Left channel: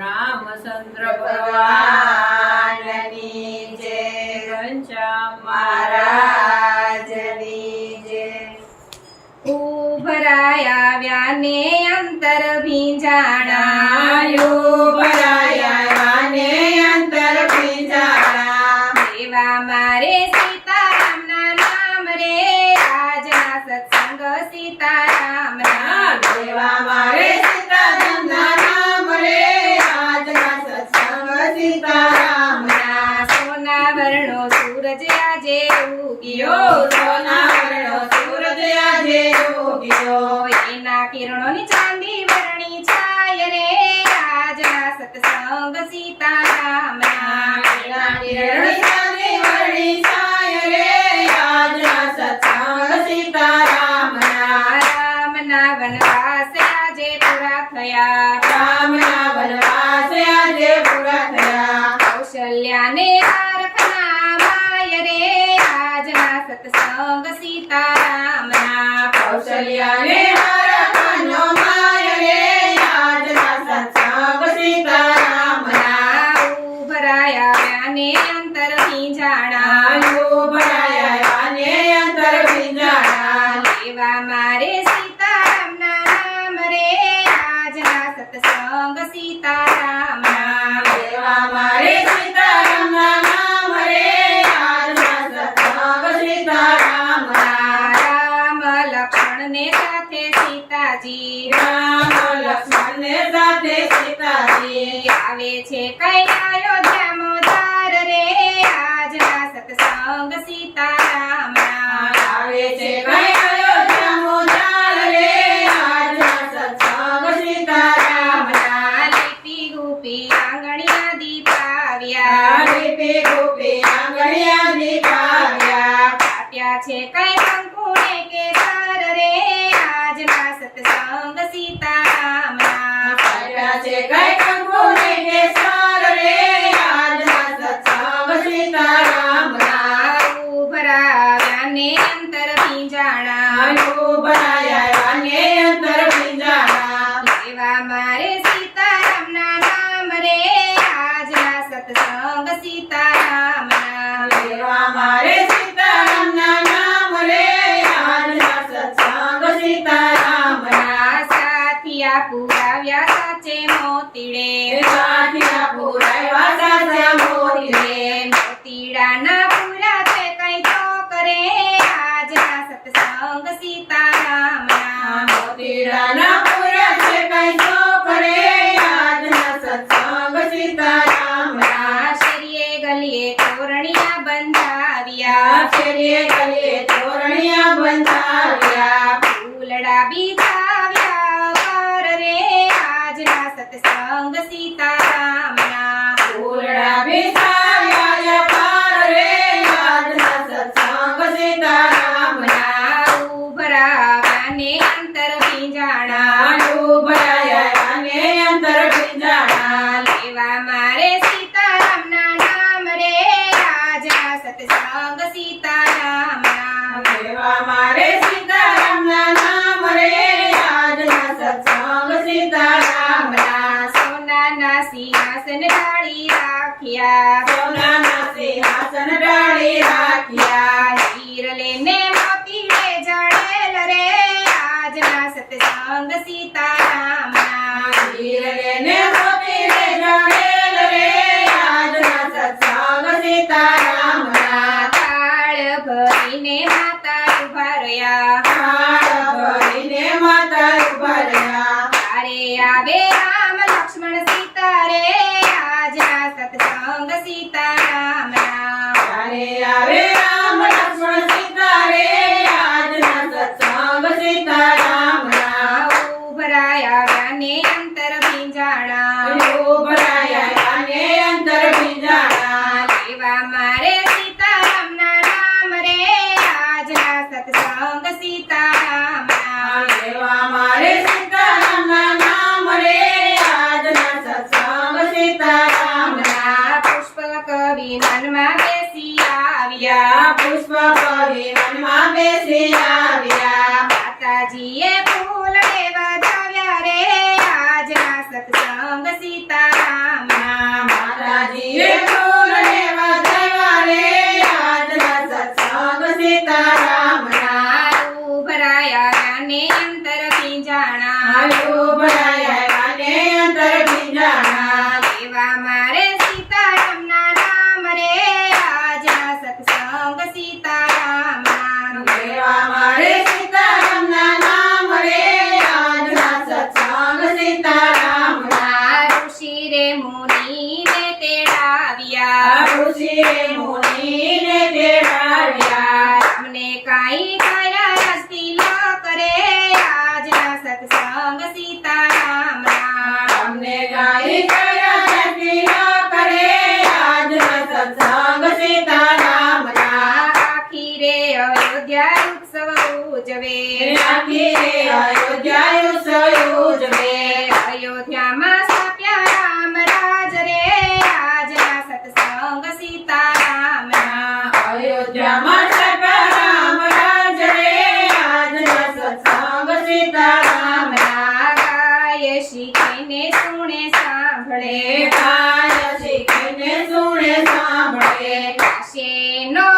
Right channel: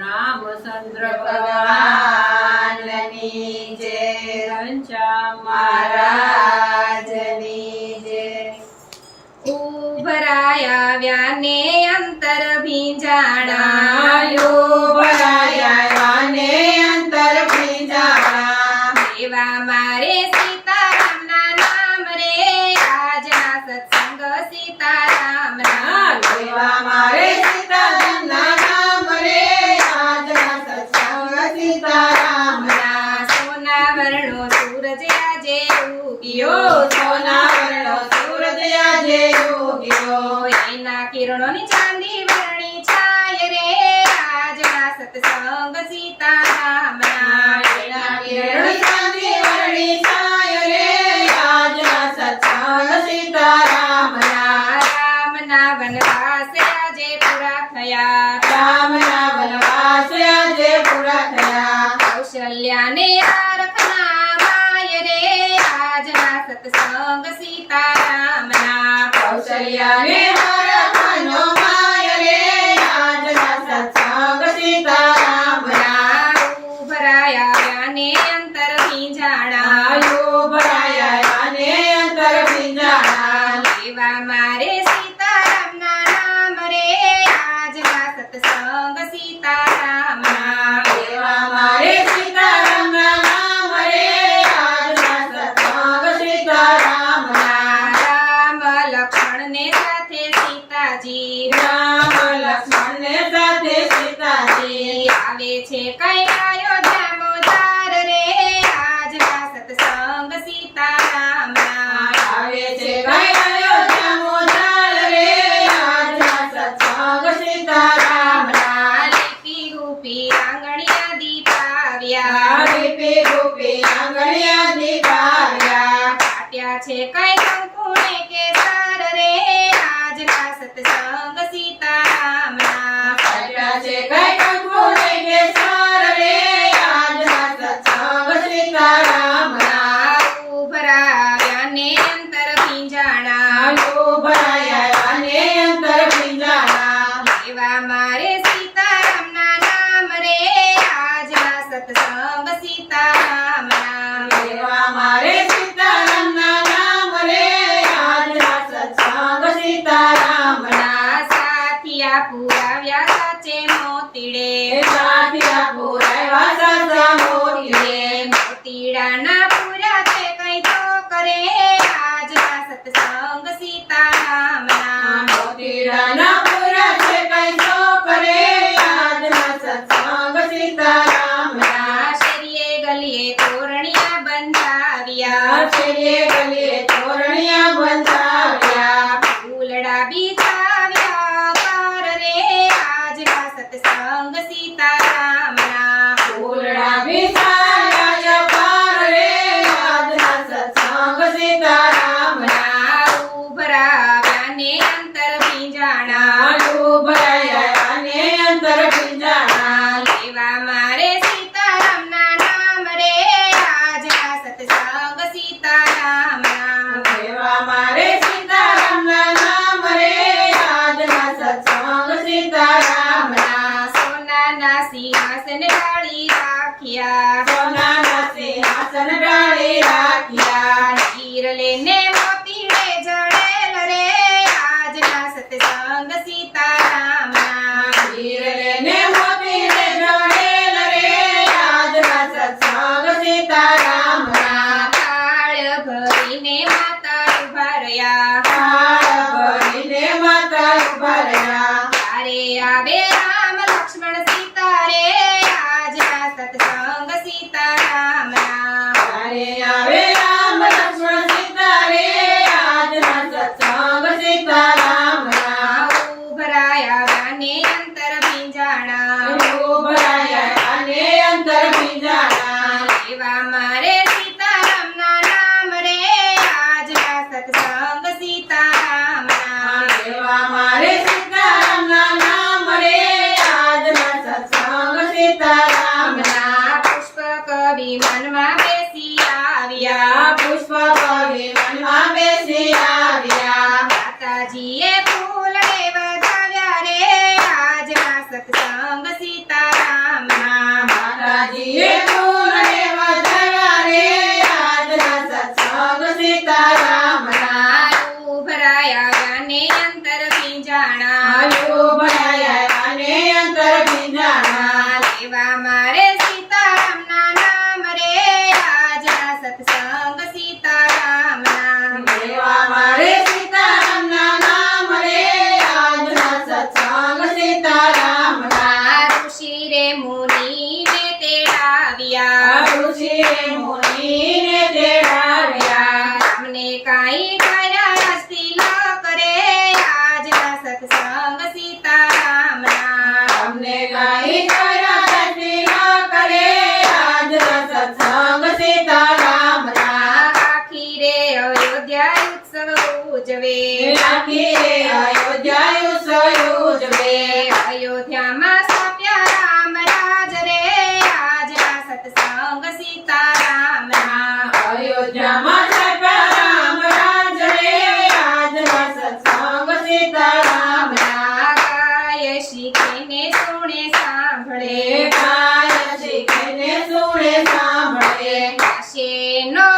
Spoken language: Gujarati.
રામચંદ્ર ભગવાનની જય, ઘનશ્યામ મહારાજની જય। ઉભરાય આવ્યા ને અંતર ભીંજાણા, ઉભરાય આવ્યા ને અંતર ભીંજાણા। એવા મારે સીતારામના નામ રે, આજના સત્સંગ સીતારામના। એવા મારે સીતારામના નામ રે, આજના સત્સંગ સીતારામના। સોના વર્ણો સૂરજ આજે ઉગ્યો, સોના વર્ણો સૂરજ આજે ઉગ્યો। એના કિરણોની ચાંદી વર્ણી છાય રે, આજના સત્સંગ સીતારામના। એના કિરણોની ચાંદી વર્ણી છાય રે, આજના સત્સંગ સીતારામના। રામના વનવાસ આજે પૂરા થયા, રામના વનવાસ આજે પૂરા થયા। કૌશલ્યાને આરખના માય રે, આજના સત્સંગ સીતારામના। કૌશલ્યાને હરખનો માય રે, આજના સત્સંગ સીતારામના। ઉભરાય આવ્યા ને અંતર ભીંજાણા, ઉભરાયા ને અંતર ભીંજાણા। એવા મારે સીતારામના નામ રે, આજના સત્સંગ સીતારામના। એવા મારે સીતારામના નામ રે, આજના સત્સંગ સીતારામના। રામ લક્ષ્મણને સાથે સીતાજી, રામ લક્ષ્મણને સાથે સીતાજી આવે છે કઈ અયોધ્યા મોદાર રે, આજના સત્સંગ સીતારામના। આવે છે કઈ અયોધ્યા મોદાર રે, આજના સત્સંગ સીતારામના। લીપી ગોપી આંગણિયા દીપાવ્યા, લીપી ગોપી આંગણિયા દીપાવ્યા। પાટ્યા છે કઈ કંકુને કેસર રે, આજના સત્સંગ સીતારામના। પાટ્યા છે કઈ કંકુને કેસર રે, આજના સત્સંગ સીતારામના। ઉભરાવ્યા ને અંતર ભીંજાણા, ઉભરાયા ને અંતર ભીંજાણા। એવા મારે સીતારામના નામ રે, આજના સત્સંગ સીતારામના। એવા મારે સીતારામના નામ રે, આજના સત્સંગ સીતારામના। સાથિયા પુરાવ્યા સાચે મોતીડે, સાથિયા પુરાવ્યા સાચા મોતીડે। મોતીડાના પૂરા છે કઈ તો કરે, આજના સત્સંગ સીતારામના। મોતીડાના પૂરા છે કઈ તો કરે, આજના સત્સંગ સીતારામના। શેરીએ ગલીએ તોરણિયા બંધાવ્યા, શેરીએ ગલીએ તોરણિયા બંધાવ્યા। ફૂલડા બીજાવ્યા પાર રે, આજના સત્સંગ સીતારામના। ફૂલડા બિછાવ્યા પાર રે, આજના સત્સંગ સીતારામના। ઉભરાવ્યા ને અંતર ભીંજાણા, ઉભરાયા ને અંતર ભીંજાણા। એવા મારે સીતારામના નામ રે, આજના સત્સંગ સીતારામના। એવા મારે સીતારામના નામ રે, આજના સત્સંગ સીતારામના। સોનાના સિંહાસન ઢાળી રાખ્યા, સોનાના સિંહાસન ઢાળી રાખ્યા। હીર લઈને મોતીડે જડેલ રે, આજના સત્સંગ સીતારામના। હીર લઈને મોતીડે જડેલ રે, આજના સત્સંગ સીતારામના। કાળ ભરીને માતા ઉભા રહ્યા, કાળ ભરીને માતા ઉભા રહ્યા। તારે આવે રામ લક્ષ્મણ સીતા રે, આજના સત્સંગ સીતારામના। તારે આવે રામ લક્ષ્મણ સીતા રે, આજના સત્સંગ સીતારામના। ઉભરાયા ને અંતર ભીંજાણા, ઉભરાયા ને અંતર ભીંજાણા। એવા મારે સીતારામના નામ રે, આજના સત્સંગ સીતારામના। એવા મારે સીતારામના નામ રે, આજના સત્સંગ સીતારામના। પુષ્પ કવિ મનમાં બેસી આવ્યા, પુષ્પ કવિ મનમાં બેસી આવ્યા। માતાજીએ ફૂલ વધાવ્યા રે, આજના સત્સંગ સીતારામના. માતાજીએ ફૂલ ને વધાવ્યા રે આજના સત્સંગ સીતારામના. ઉભરાયા ને અંતર પિંજાણા. આયુ ભરાયા ને અંતર ભીંજાણા. એવા મારે સીતારામના નામ રે આજના સત્સંગ સીતારામના. એવા મારે સીતારામના નામ રે આજના સત્સંગ સીતારામના. ઋષિ રે મુનિને તેડાવ્યા. ઋષિ રે મુનિને તેડાવ્યા. રામને કાંઈ કર્યા તિલક રે આજના સત્સંગ સીતારામના. અમને ગાઈ ગયા તિલક રે આજના સત્સંગ સીતારામના. આખી રે અયોધ્યા ઉત્સવ ઉજવે. આખી રે અયોધ્યા ઉત્સવ ઉજવે. અયોધ્યામાં સ્થાપ્યા રામ રાજ રે આજના સત્સંગ સીતારામના. અયોધ્યામાં સર્પા રામ રાજ રે આજના સત્સંગ સીતારામના. ગાય શીખીને સુણે સાંભળે. ગાય શીખીને સુણે સાંભળે. શેનો